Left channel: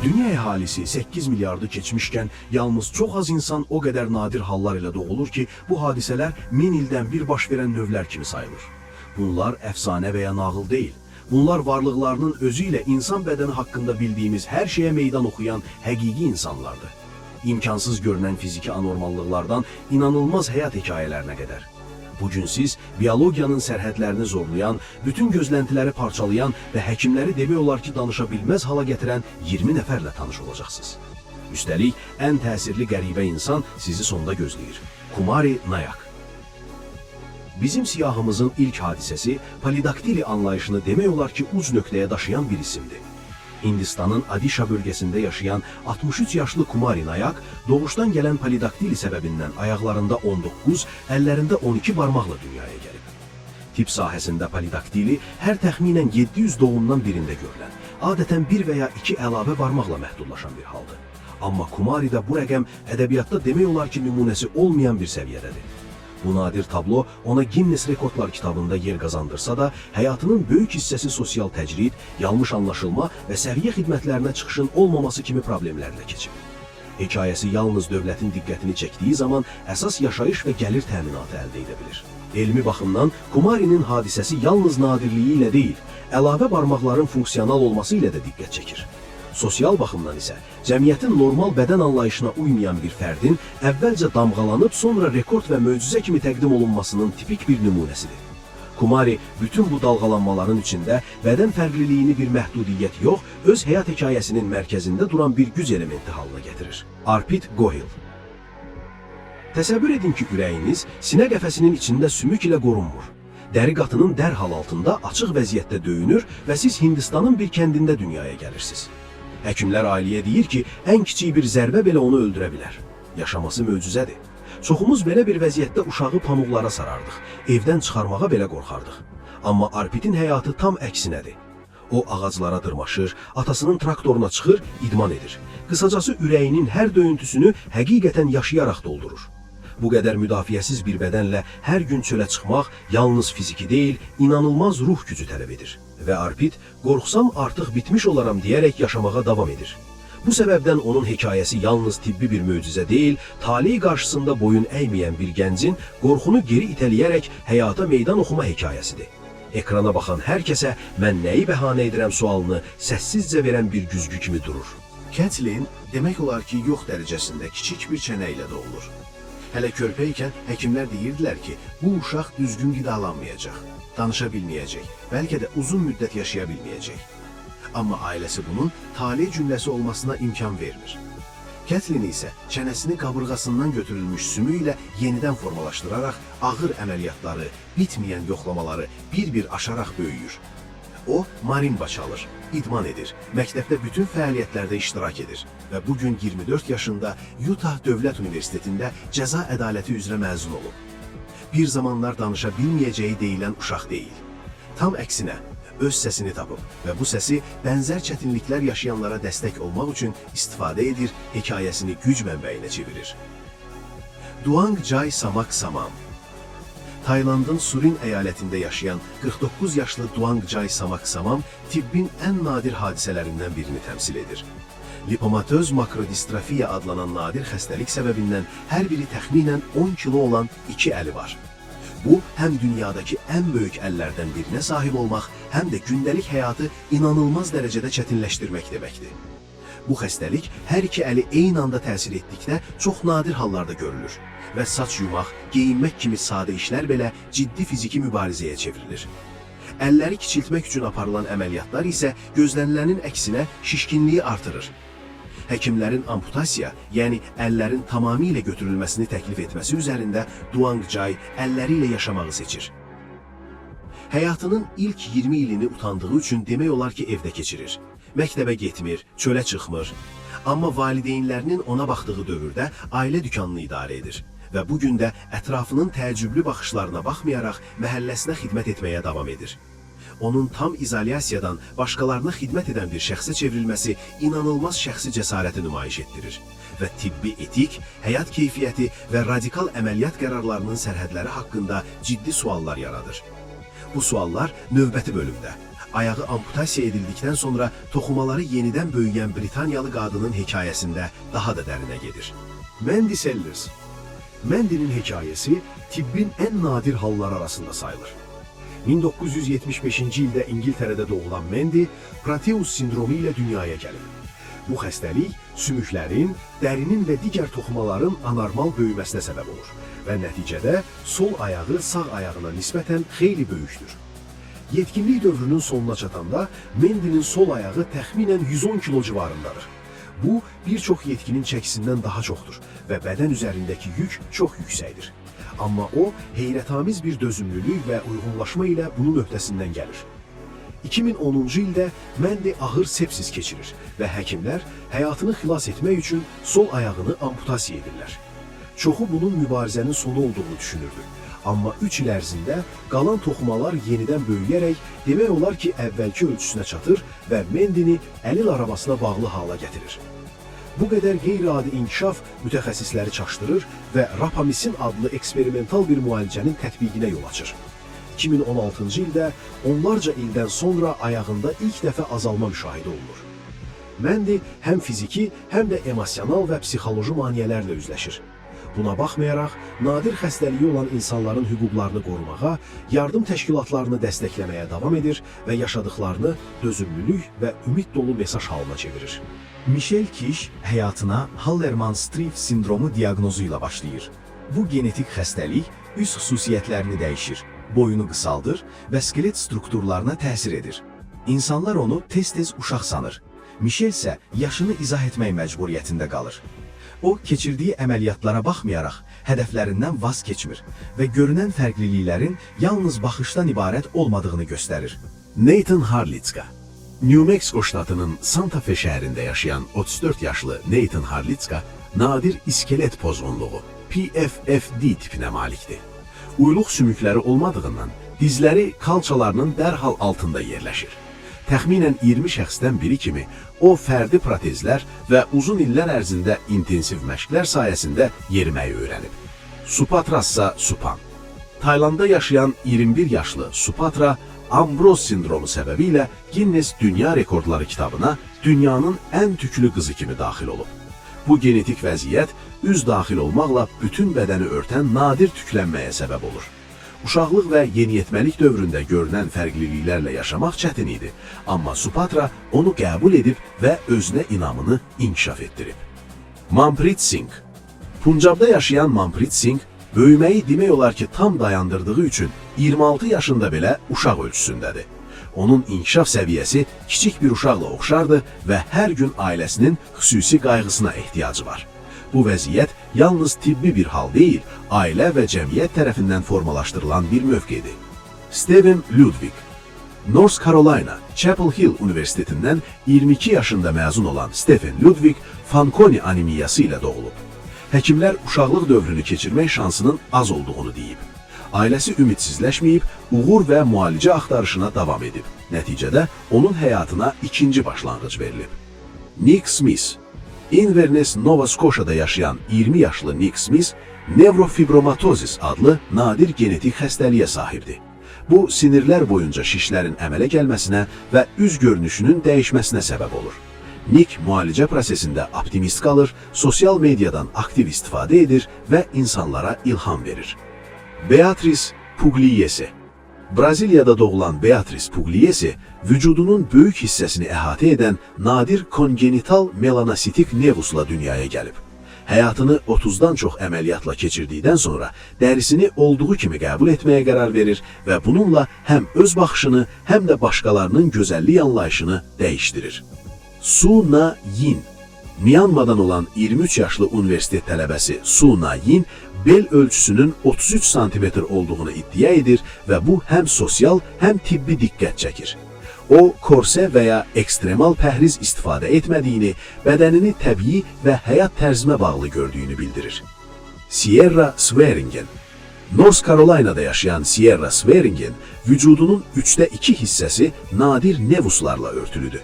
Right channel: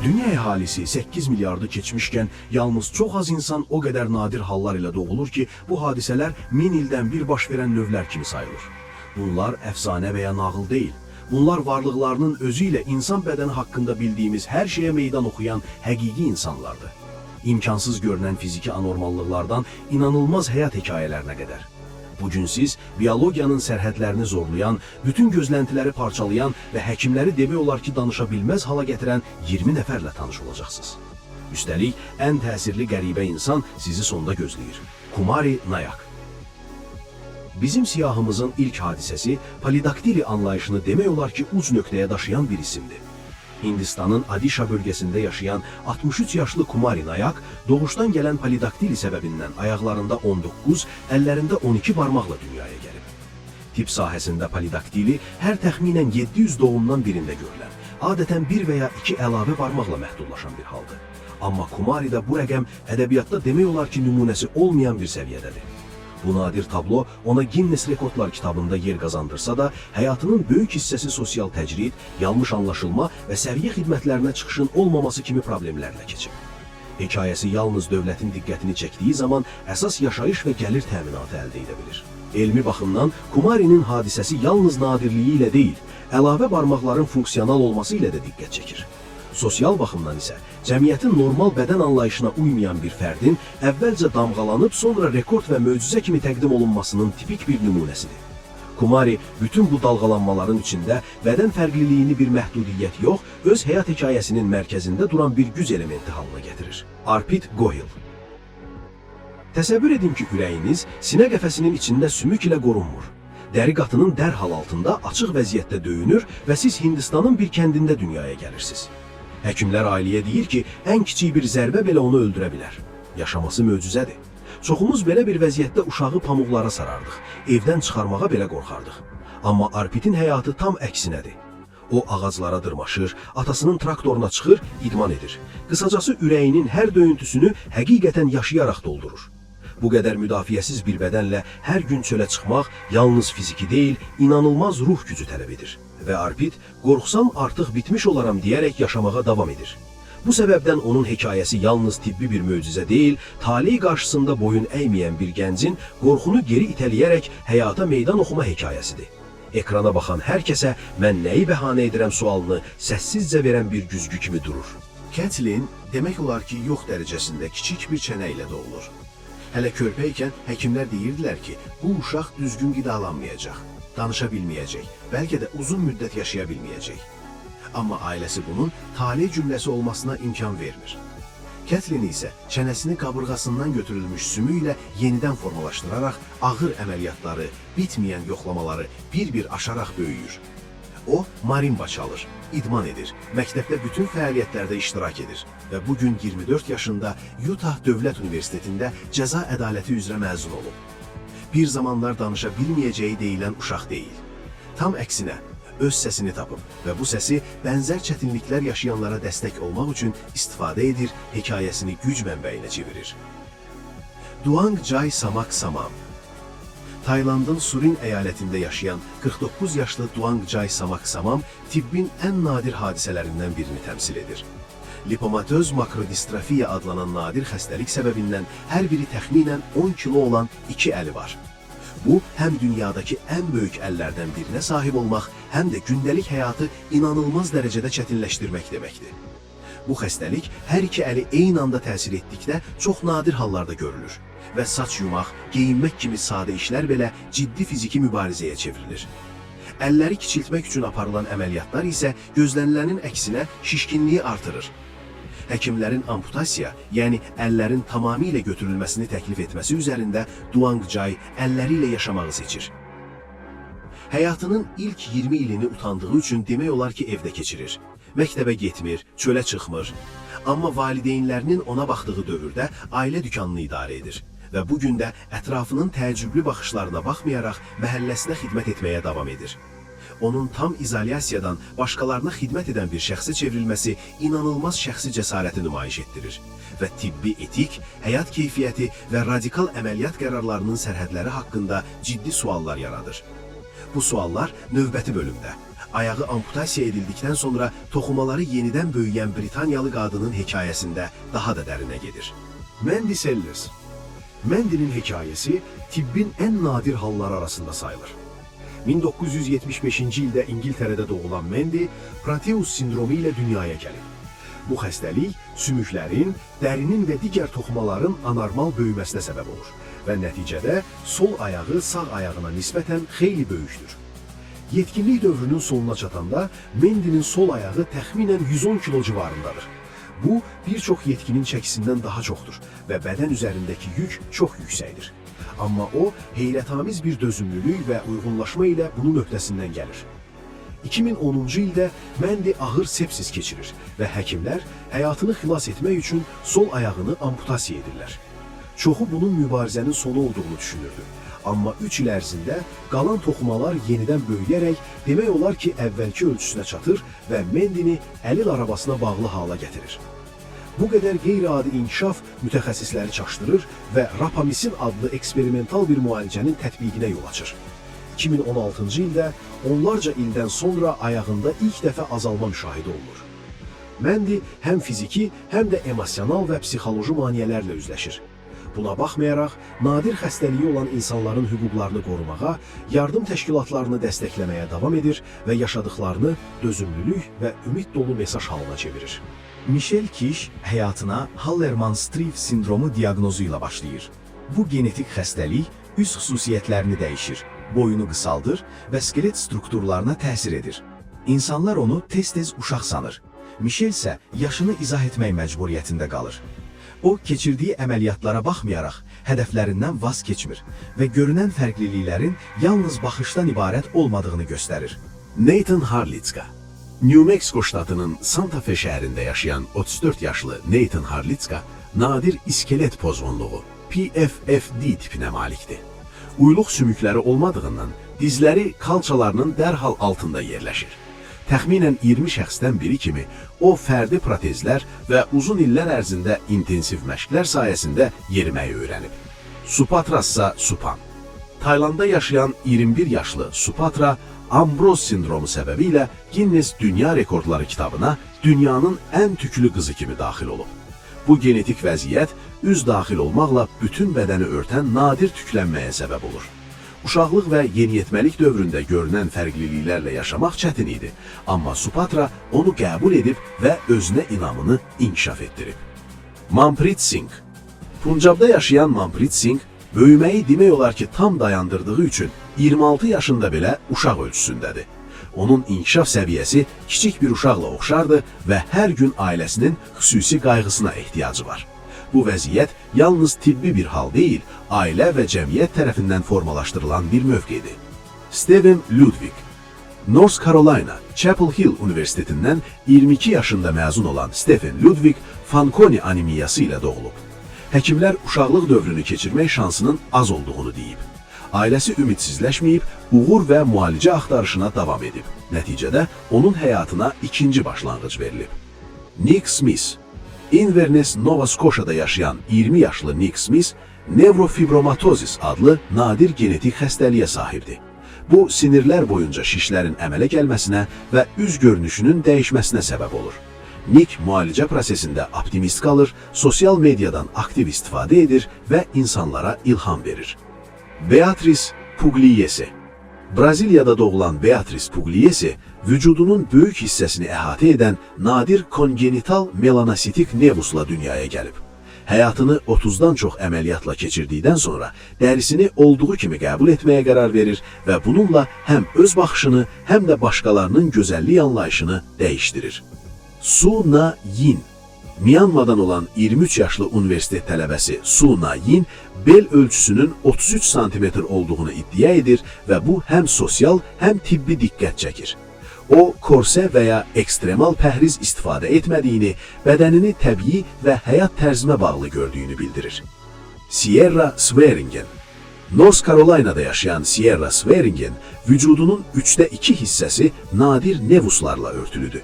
Dünya əhalisi 8 milyardı keçmişkən, yalnız çox az insan o qədər nadir hallar ilə doğulur ki, bu hadisələr 1000 ildən bir baş verən növlər kimi sayılır. Bunlar əfsanə və ya nağıl deyil. Bunlar varlıqlarının özü ilə insan bədəni haqqında bildiyimiz hər şeyə meydan oxuyan həqiqi insanlardır. İmkansız görünən fiziki anormallıqlardan inanılmaz həyat hekayələrinə qədər. Bugün siz biologiyanın sərhədlərini zorlayan, bütün gözləntiləri parçalayan və həkimləri demək olar ki, danışa bilməz hala gətirən 20 nəfərlə tanış olacaqsınız. Üstəlik, ən təsirli qəribə insan sizi sonda gözləyir. Kumari Nayak. Bizim siyahımızın ilk hadisəsi polidaktili anlayışını demək olar ki, uc nöqtəyə daşıyan bir isimdir. Hindistanın Adişa bölgəsində yaşayan 63 yaşlı Kumari Nayak doğuşdan gələn polidaktili səbəbindən ayaqlarında 19, əllərində 12 barmaqla dünyaya gəlib. Tip sahəsində polidaktili hər təxminən 700 doğumdan birində görülən, adətən bir və ya iki əlavə barmaqla məhdudlaşan bir haldır. Amma Kumari'də bu rəqəm ədəbiyyatda demək olar ki, nümunəsi olmayan bir səviyyədədir. Bu nadir tablo ona Guinness Rekordlar kitabında yer qazandırsa da, həyatının böyük hissəsi sosial təcrid, yanlış anlaşılma və səriyyə xidmətlərinə çıxışın olmaması kimi problemlərlə keçib. Hekayəsi yalnız dövlətin diqqətini çəkdiyi zaman əsas yaşayış və gəlir təminatı əldə edə bilir. Elmi baxımdan Kumari'nin hadisəsi yalnız nadirliyi ilə deyil, əlavə barmaqların funksional olması ilə də diqqət çəkir. Sosial baxımdan isə cəmiyyətin normal bədən anlayışına uymayan bir fərdin əvvəlcə damğalanıb, sonra rekord və möcüzə kimi təqdim olunmasının tipik bir nümunəsidir. Kumari bütün bu dalğalanmaların içində bədən fərqliliyini bir məhdudiyyət yox, öz həyat hekayəsinin mərkəzində duran bir güc elementi halına gətirir. Arpit Gohil. Təsəvvür edin ki, ürəyiniz sinə qəfəsinin içində sümük ilə qorunmur. Dəri qatının dərhal altında açıq vəziyyətdə döyünür və siz Hindistanın bir kəndində dünyaya gəlirsiniz. Həkimlər ailəyə deyir ki, ən kiçik bir zərbə belə onu öldürə bilər. Yaşaması möcüzədir. Çoxumuz belə bir vəziyyətdə uşağı pamuqlara sarardıq, evdən çıxarmağa belə qorxardıq. Amma Arpit'in həyatı tam əksinədir. O ağaclara dırmaşır, atasının traktoruna çıxır, idman edir. Qısacası ürəyinin hər döyüntüsünü həqiqətən yaşayaraq doldurur. Bu qədər müdafiəsiz bir bədənlə hər gün çölə çıxmaq yalnız fiziki deyil, inanılmaz ruh gücü tələb edir. Və Arpit, qorxsam artıq bitmiş olaram deyərək yaşamağa davam edir. Bu səbəbdən onun hekayəsi yalnız tibbi bir möcüzə deyil, taley qarşısında boyun əyməyən bir gəncin qorxunu geri itələyərək həyata meydan oxuma hekayəsidir. Ekrana baxan hər kəsə mən nəyi bəhanə edirəm sualını səssizcə verən bir güzgü kimi durur. Kathleen demək olar ki, yox dərəcəsində kiçik bir çənə ilə doğulur. Hələ körpə ikən həkimlər deyirdilər ki, bu uşaq düzgün qidalanmayacaq, danışa bilməyəcək, bəlkə də uzun müddət yaşaya bilməyəcək. Amma ailəsi bunun taley cümləsi olmasına imkan vermir. Kathleen isə çənəsini qabırğasından götürülmüş sümük ilə yenidən formalaşdıraraq ağır əməliyyatları, bitməyən yoxlamaları bir-bir aşaraq böyüyür. O, marimba çalır, idman edir, məktəbdə bütün fəaliyyətlərdə iştirak edir və bugün 24 yaşında Utah Dövlət Universitetində cəza ədaləti üzrə məzun olub. Bir zamanlar danışa bilməyəcəyi deyilən uşaq deyil. Tam əksinə, öz səsini tapıb və bu səsi bənzər çətinliklər yaşayanlara dəstək olmaq üçün istifadə edir, hekayəsini güc mənbəyinə çevirir. Duang Jai Samak Samam. Taylandın Surin əyalətində yaşayan 49 yaşlı Duang Jai Samak Samam tibbin ən nadir hadisələrindən birini təmsil edir. Lipomatöz makrodistrofiya adlanan nadir xəstəlik səbəbindən hər biri təxminən 10 kilo olan 2 əli var. Bu, həm dünyadakı ən böyük əllərdən birinə sahib olmaq, həm də gündəlik həyatı inanılmaz dərəcədə çətinləşdirmək deməkdir. Bu xəstəlik hər iki əli eyni anda təsir etdikdə çox nadir hallarda görülür və saç yumaq, geyinmək kimi sadə işlər belə ciddi fiziki mübarizəyə çevrilir. Əlləri kiçiltmək üçün aparılan əməliyyatlar isə gözlənilənin əksinə şişkinliyi artırır. Həkimlərin amputasiya, yəni əllərin tamamilə götürülməsini təklif etməsi üzərində Duang Jai əlləri ilə yaşamağı seçir. Həyatının ilk 20 ilini utandığı üçün demək olar ki, evdə keçirir. Məktəbə getmir, çölə çıxmır. Amma valideynlərinin ona baxdığı dövrdə ailə dükanını idarə edir və bugün də ətrafının təəccüblü baxışlarına baxmayaraq məhəlləsinə xidmət etməyə davam edir. Onun tam izolyasiyadan başqalarına xidmət edən bir şəxsə çevrilməsi inanılmaz şəxsi cəsarəti nümayiş etdirir və tibbi etik, həyat keyfiyyəti və radikal əməliyyat qərarlarının sərhədləri haqqında ciddi suallar yaradır. Bu suallar növbəti bölümdə Ayağı amputasiya edildikdən sonra toxumaları yenidən böyüyən Britaniyalı qadının hekayəsində daha da dərinə gedir. Mandy Sellers. Mandy'nin hekayəsi tibbin ən nadir halları arasında sayılır. 1975-ci ildə İngiltərədə doğulan Mandy, Proteus sindromu ilə dünyaya gəlir. Bu xəstəlik sümüklərin, dərinin və digər toxumaların anormal böyüməsinə səbəb olur və nəticədə sol ayağı sağ ayağına nisbətən xeyli böyükdür. Yetkinlik dövrünün sonuna çatanda Mandy'nin sol ayağı təxminən 110 kilo civarındadır. Bu, bir çox yetkinin çəkisindən daha çoxdur və bədən üzərindəki yük çox yüksəkdir. Amma o, heyrətamiz bir dözümlülük və uyğunlaşma ilə bunun öhdəsindən gəlir. 2010-cu ildə Mandy ağır sepsis keçirir və həkimlər həyatını xilas etmək üçün sol ayağını amputasiya edirlər. Çoxu bunun mübarizənin sonu olduğunu düşünürdü. Amma 3 il ərzində qalan toxumalar yenidən böyüyərək demək olar ki, əvvəlki ölçüsünə çatır və Mandy'ni əlil arabasına bağlı hala gətirir. Bu qədər qeyri-adi inkişaf mütəxəssisləri çaşdırır və Rapamisin adlı eksperimental bir müalicənin tətbiqinə yol açır. 2016-cı ildə onlarca ildən sonra ayağında ilk dəfə azalma müşahidə olunur. Mandy həm fiziki, həm də emosional və psixoloji maneələrlə üzləşir. Buna baxmayaraq, nadir xəstəliyi olan insanların hüquqlarını qorumağa, yardım təşkilatlarını dəstəkləməyə davam edir və yaşadıklarını dözümlülük və ümid dolu mesaj halına çevirir. Michelle Kish həyatına Hallermann-Streiff sindromu diaqnozu ilə başlayır. Bu genetik xəstəlik üst xüsusiyyətlərini dəyişir, boyunu qısaldır və skelet strukturlarına təsir edir. İnsanlar onu tez-tez uşaq sanır. Michelle isə yaşını izah etmək məcburiyyətində qalır. O, keçirdiyi əməliyyatlara baxmayaraq, hədəflərindən vaz keçmir və görünən fərqliliklərin yalnız baxışdan ibarət olmadığını göstərir. Nathan Harlitska. New Mexico ştatının Santa Fe şəhərində yaşayan 34 yaşlı Nathan Harlitska nadir iskelet pozğunluğu PFFD tipinə malikdir. Uyluq sümükləri olmadığından dizləri kalçalarının dərhal altında yerləşir. Təxminən 20 şəxsdən biri kimi o fərdi protezlər və uzun illər ərzində intensiv məşqlər sayəsində yeriməyi öyrənib. Supatrassa Supan. Taylandda yaşayan 21 yaşlı Supatra, Ambros sindromu səbəbilə Guinness Dünya Rekordları kitabına dünyanın ən tüklü qızı kimi daxil olub. Bu genetik vəziyyət üz daxil olmaqla bütün bədəni örtən nadir tüklənməyə səbəb olur. Uşaqlıq və yeniyetməlik dövründə görünən fərqliliklərlə yaşamaq çətin idi, amma Supatra onu qəbul edib və özünə inamını inkişaf etdirib. Manpreet Singh. Puncabda yaşayan Manpreet Singh, böyüməyi demək olar ki, tam dayandırdığı üçün 26 yaşında belə uşaq ölçüsündədir. Onun inkişaf səviyyəsi kiçik bir uşaqla oxşardı və hər gün ailəsinin xüsusi qayğısına ehtiyacı var. Bu vəziyyət yalnız tibbi bir hal deyil, ailə və cəmiyyət tərəfindən formalaşdırılan bir mövqedir. Steven Ludwig. North Carolina, Chapel Hill Universitetindən 22 yaşında məzun olan Stephen Ludwig Fanconi anemiyası ilə doğulub. Həkimlər uşaqlıq dövrünü keçirmək şansının az olduğunu deyib. Ailəsi ümidsizləşməyib, uğur və müalicə axtarışına davam edib. Nəticədə onun həyatına ikinci başlanğıc verilib. Nick Smith. Inverness, Nova Scotia'da yaşayan 20 yaşlı Nick Smith, nevrofibromatosis adlı nadir genetik xəstəliyə sahibdir. Bu, sinirlər boyunca şişlərin əmələ gəlməsinə və üz görünüşünün dəyişməsinə səbəb olur. Nick müalicə prosesində optimist qalır, sosial mediadan aktiv istifadə edir və insanlara ilham verir. Beatrice Pugliese. Braziliyada doğulan Beatrice Pugliese, vücudunun böyük hissəsini əhatə edən nadir kongenital melanositik nevusla dünyaya gəlib. Həyatını 30-dan çox əməliyyatla keçirdikdən sonra dərisini olduğu kimi qəbul etməyə qərar verir və bununla həm öz baxışını, həm də başqalarının gözəllik anlayışını dəyişdirir. Su Na Yin. Myanmadan olan 23 yaşlı universitet tələbəsi Su Na Yin, bel ölçüsünün 33 sm olduğunu iddia edir və bu həm sosial, həm tibbi diqqət çəkir. O, korse və ya ekstremal pəhriz istifadə etmədiyini, bədənini təbii və həyat tərzinə bağlı gördüyünü bildirir. Sierra Swearingen. North Carolina'da yaşayan Sierra Swearingen, vücudunun 3də 2 hissəsi nadir nevuslarla örtülüdür.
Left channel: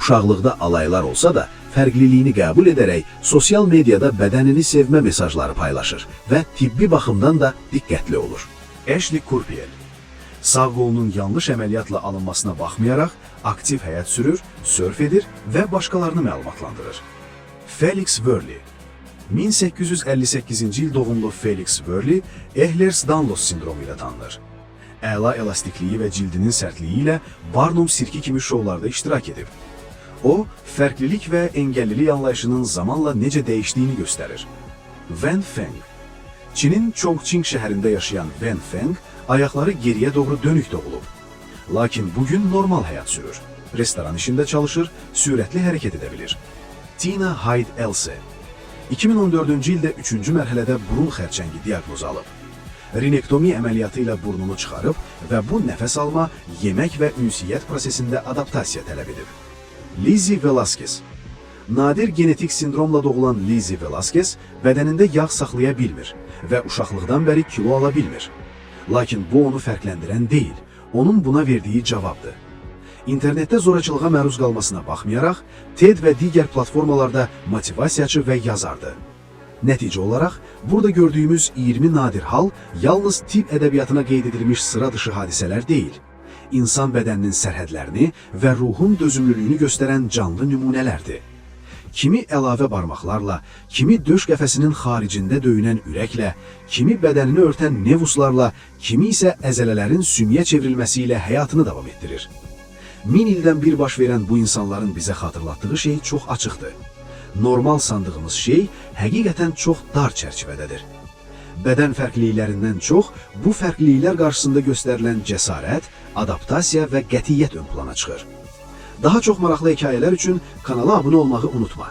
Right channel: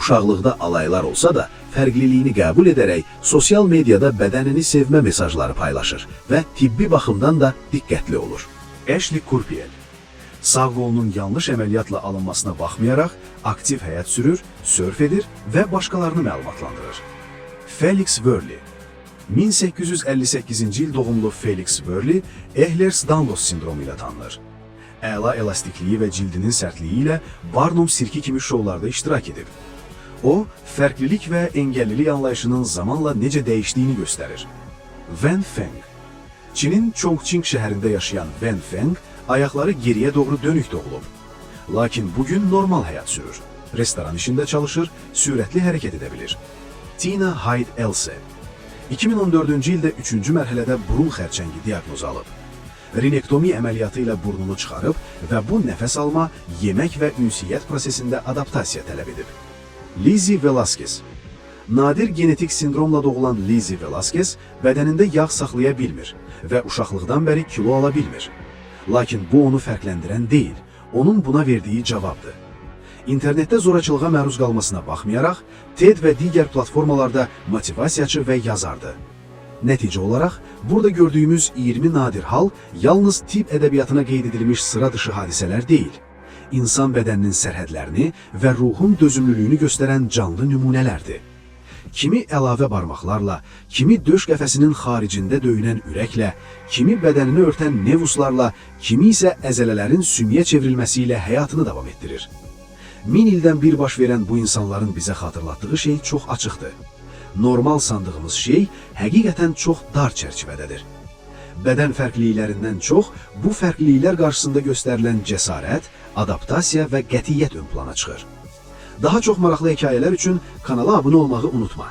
Uşaqlıqda alaylar olsa da, fərqliliyini qəbul edərək sosial mediada bədənini sevmə mesajları paylaşır və tibbi baxımdan da diqqətli olur. Ashley Kurpiel. Sağ qolunun yanlış əməliyyatla alınmasına baxmayaraq, aktiv həyat sürür, sörf edir və başqalarını məlumatlandırır. Felix Worley 1858-ci il doğumlu Felix Worley Ehlers-Danlos sindromu ilə tanınır. Əla elastikliyi və cildinin sərtliyi ilə Barnum sirki kimi şovlarda iştirak edib. O, fərqlilik və engellilik anlayışının zamanla necə dəyişdiyini göstərir. Wen Feng Çinin Chongqing şəhərində yaşayan Wen Feng ayaqları geriyə doğru dönük doğulub. Lakin bugün normal həyat sürür. Restoran işində çalışır, sürətli hərəkət edə bilir. Tina Hyde Else 2014-cü ildə 3-cü mərhələdə burun xərçəngi diaqnozu alıb. Rinektomi əməliyyatı ilə burnunu çıxarıb və bu nəfəs alma, yemək və ünsiyyət prosesində adaptasiya tələb edib. Lizzie Velasquez Nadir genetik sindromla doğulan Lizzie Velasquez bədənində yağ saxlaya bilmir və uşaqlıqdan bəri kilo ala bilmir. Lakin bu onu fərqləndirən deyil, onun buna verdiyi cavabdır. İnternetdə zorakılığa məruz qalmasına baxmayaraq, TED və digər platformalarda motivasiyaçı və yazardı. Nəticə olaraq, burada gördüyümüz 20 nadir hal yalnız tibb ədəbiyyatına qeyd edilmiş sıra dışı hadisələr deyil. İnsan bədəninin sərhədlərini və ruhun dözümlülüyünü göstərən canlı nümunələrdir. Kimi əlavə barmaqlarla, kimi döş qəfəsinin xaricində döyünən ürəklə, kimi bədənini örtən nevuslarla, kimi isə əzələlərin sümüyə çevrilməsi ilə həyatını davam etdirir. 1000 ildən bir baş verən bu insanların bizə xatırlatdığı şey çox açıqdır. Normal sandığımız şey həqiqətən çox dar çərçivədədir. Bədən fərqliliklərindən çox bu fərqliliklər qarşısında göstərilən cəsarət, adaptasiya və qətiyyət ön plana çıxır. Daha çox maraqlı hekayələr üçün kanala abunə olmağı unutma.